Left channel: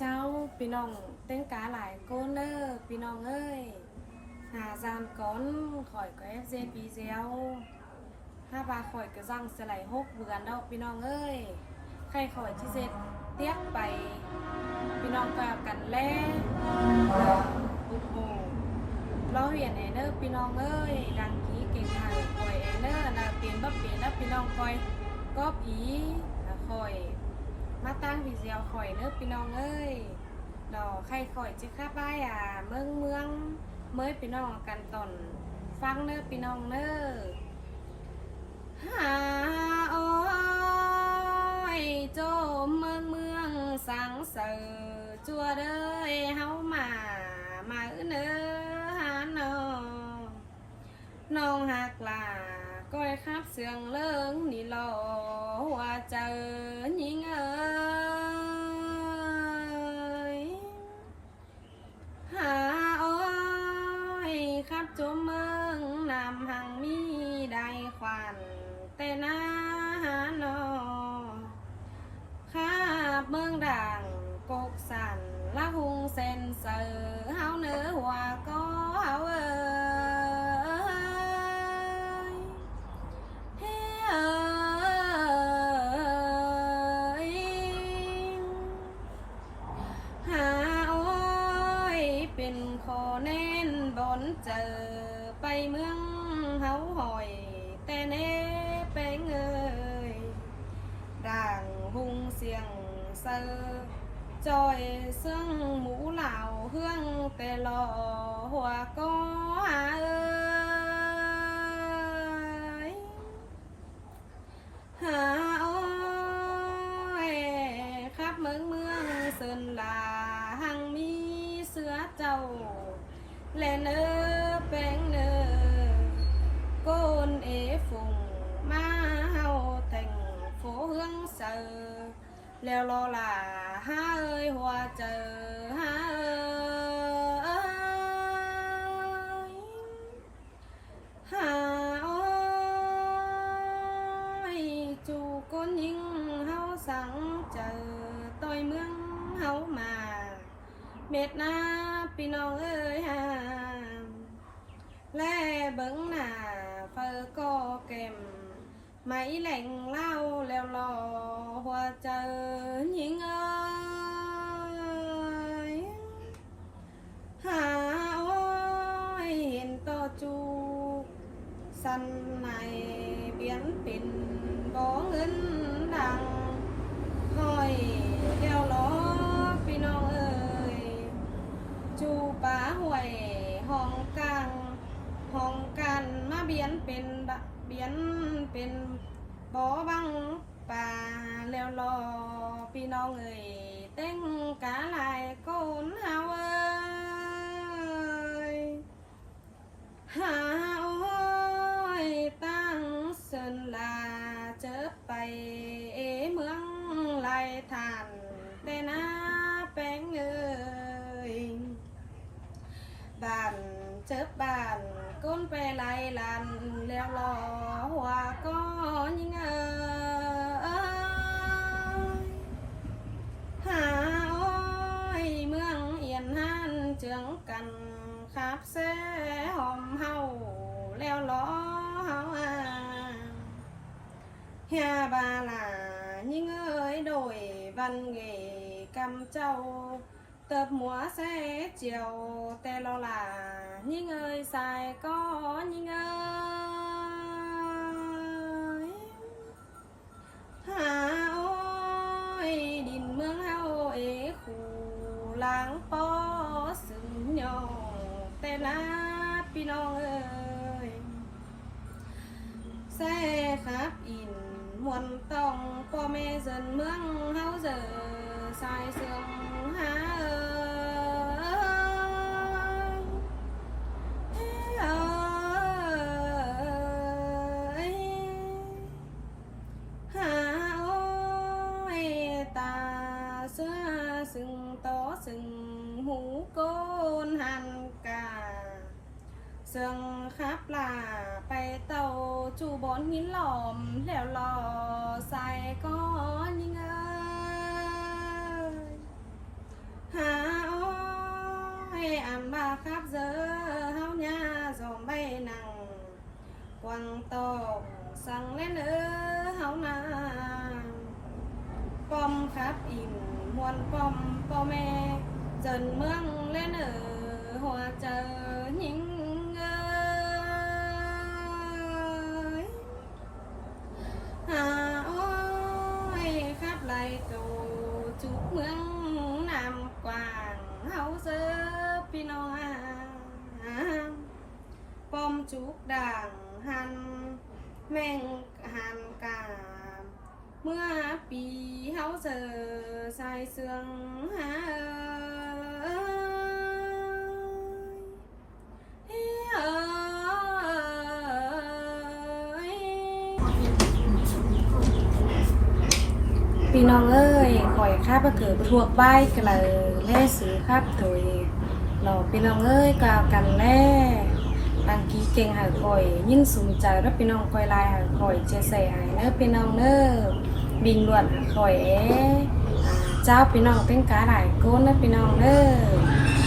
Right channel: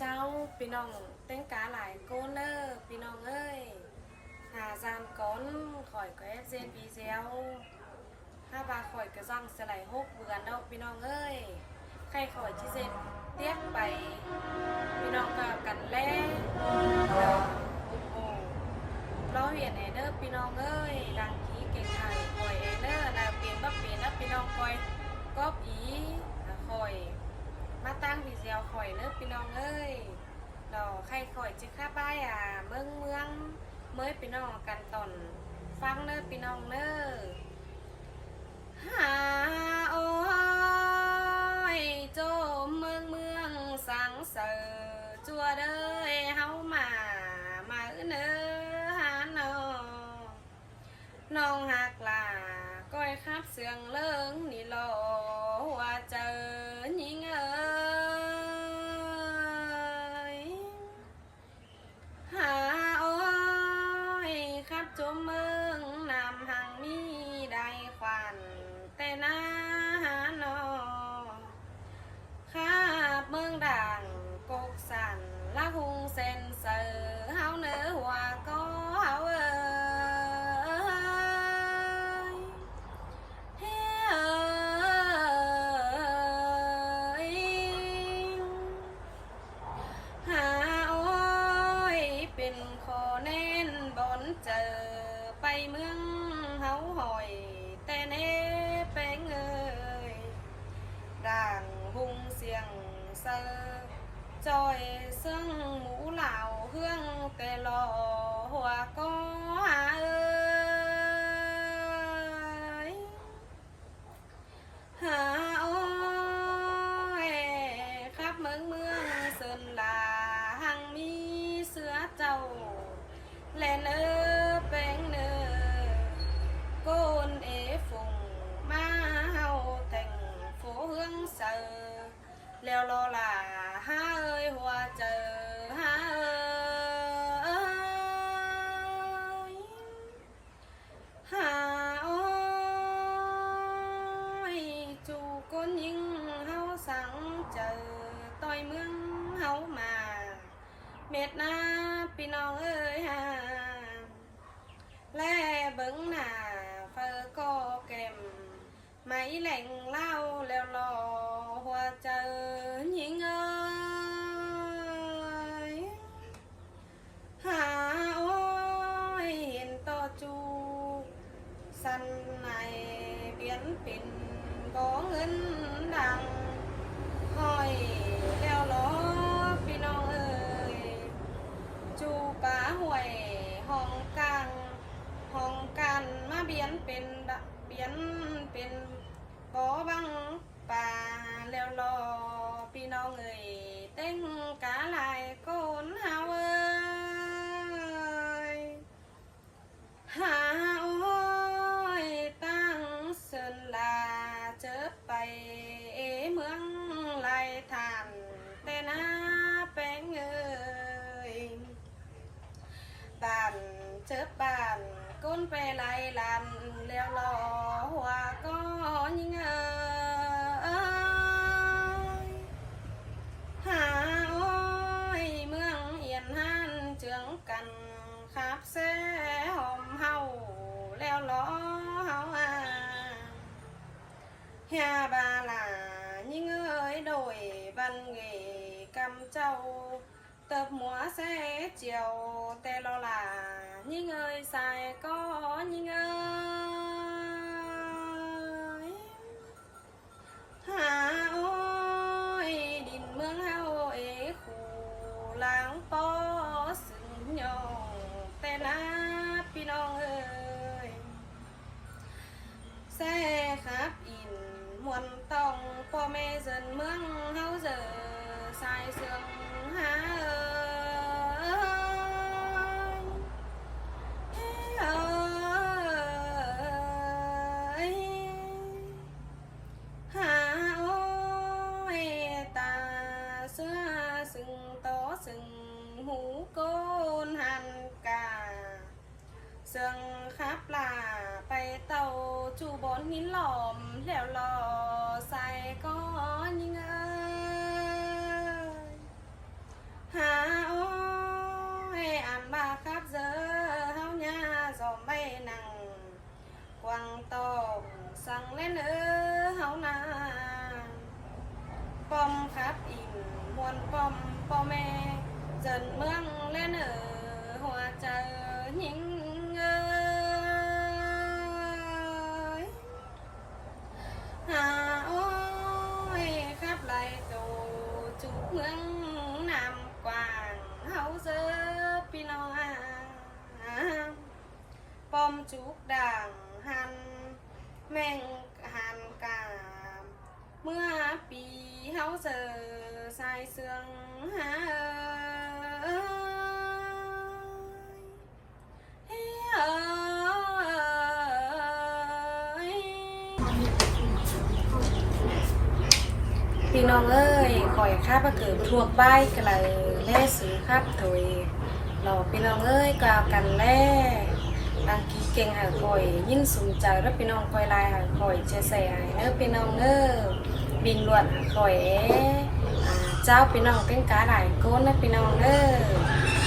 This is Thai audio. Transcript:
เจ้าพี่น้องเต้นกาหลายโกนเนอร์พี่น้องเอ้ยหาจามก้อนข่อยก็เอฟซีปีเซียวถ้าบาข่อยก็ซ่องสไลด์6 เดือนดอกพี่น้องเอ้ยใครข่อยที่เสร็จเตี้ยไปพี่น้องก็กันแล้โอ้โหเราเห็นไอเนอร์พี่น้องเอ้ยดังนี้เก่งไข่ข่อยไอเนอร์นาเปลี่ยนบ่เปลี่ยนแล้วพี่น้องข่อยก็ผีข่อยมาตั้งพี่เซียวข่อยเนอพี่น้องเอ้ยดอกใครข่อยจะข้าบ้ายเมืองเมื่อพี่น้องกันตอนฟังเนอพี่น้องเนอหาโอ้ยโจมเมืองสังเสอจัวเด้ยเฮามาเนอหาน้องหักลาก้อยครับเสียงเลิงนี่หล่อหัวเจอหญิงเอ้ยหาโอ้ยครับจุเมืองนำหังมีได้ควันแต่หน้าหาโนข้าเมืองดังกกสันละหุงเซนเซอเฮาเนื้อหัวก็เฮาเอ้ยเฮ้ยหาโอ้ยเป็นโคเน้นบนเจอไปเมืองเฮาหอยแต่เน่แป้งเอ้ยด่างหุงเสียงเซอจอยซึ่งหมูเหล่าเฮืองแต่หล่อหัวก็หาเอ้ยหาโอ้ยครับเมืองเซินลาหังมีเสือเจ้าแลเนอแป้งเนอโกนเอฝงมาเฮาแต่งโฟเฮืองเซอแล้วรอล่ะหาเอ้ยหัวเจอหาเอ้ยหาโอ้ยจูก้นยิงเฮาสังเจอต่อยเมืองเฮามาเม็ดหน้าพี่น้องเอ้ยแลเบิ้งหน้าเฟอก็เก็มไม่แหล่งเล่าแล้วรอหัวเจอหญิงเอ้ยหาโอ้ยเห็นต่อจูสันในเบียนปิ่นบ่เงินดังห้อยแล้วรอพี่น้องเอ้ยจูป่าห่วยห้องกลางห้องกันมาเบียนเป็นเบียนเป็นบ่อบังป่าแล้วรอพี่น้องเอ้ยเต้งกาลายโกนเฮาเอ้ยหาโอ้ยตั้งเสินลาเจอไปเมืองลายทานแต่หน้าแป้งเอ้ยบ้านเจอบ้านก้นไปไล่ลันแล้วรอหัวก็ยิงเอ้ยหาโอ้ยเมืองเอียนหันเจืองกันขับเสหอมเฮาแล้วรอเฮาเฮียบาลายิงเอ้ยโดยบันเกกำเจ้าเติบหัวเสเจียวแต่เราล่ะยิงเอ้ยใส่ก็ยิงเอ้ยหาโอ้ยดินเมืองเฮาขู่ล้างปอสึงยองแต่ละพี่น้องเอ้ยแซ่ครับอินมวนต้องพ่อแม่เซินเมืองเฮาเจอสายเสืองหาเอ้ยเอ้ยหาโอ้ยตาเสื้อสึงโตสึงหูโกนหันกาเสืองขับลาไปเต่าจูบนหินหลอมแล้วรอใส่ก้อนยิงเอ้ย ครับอินมวนปอมพ่อแม่จนเมืองเล่นหัวเจอยิงหาอ้อยครับไหลโตจุกเมืองนำกว้างเฮาเจอพี่น้องปอมจุกด่างหันแม่งหันกามเมื่อปีเฮาเจอสายเสื่องหาพี่น้องเอ้ยข่อยข้าประเกิดทั่วใบกันเลยแล่ซื้อครับโดยเราพี่น้องเอ้ยกล่าวกันแล่บางทีเก่งหายข่อยยิ่งสมใจแล้วพี่น้องข่อยลายหายข่อยจะใส่หายเนื้อพี่น้องเน้อบินล้วนหายข่อยเจ้าพี่น้องเป็นกาหลายก้นนะพี่น้องเน้อ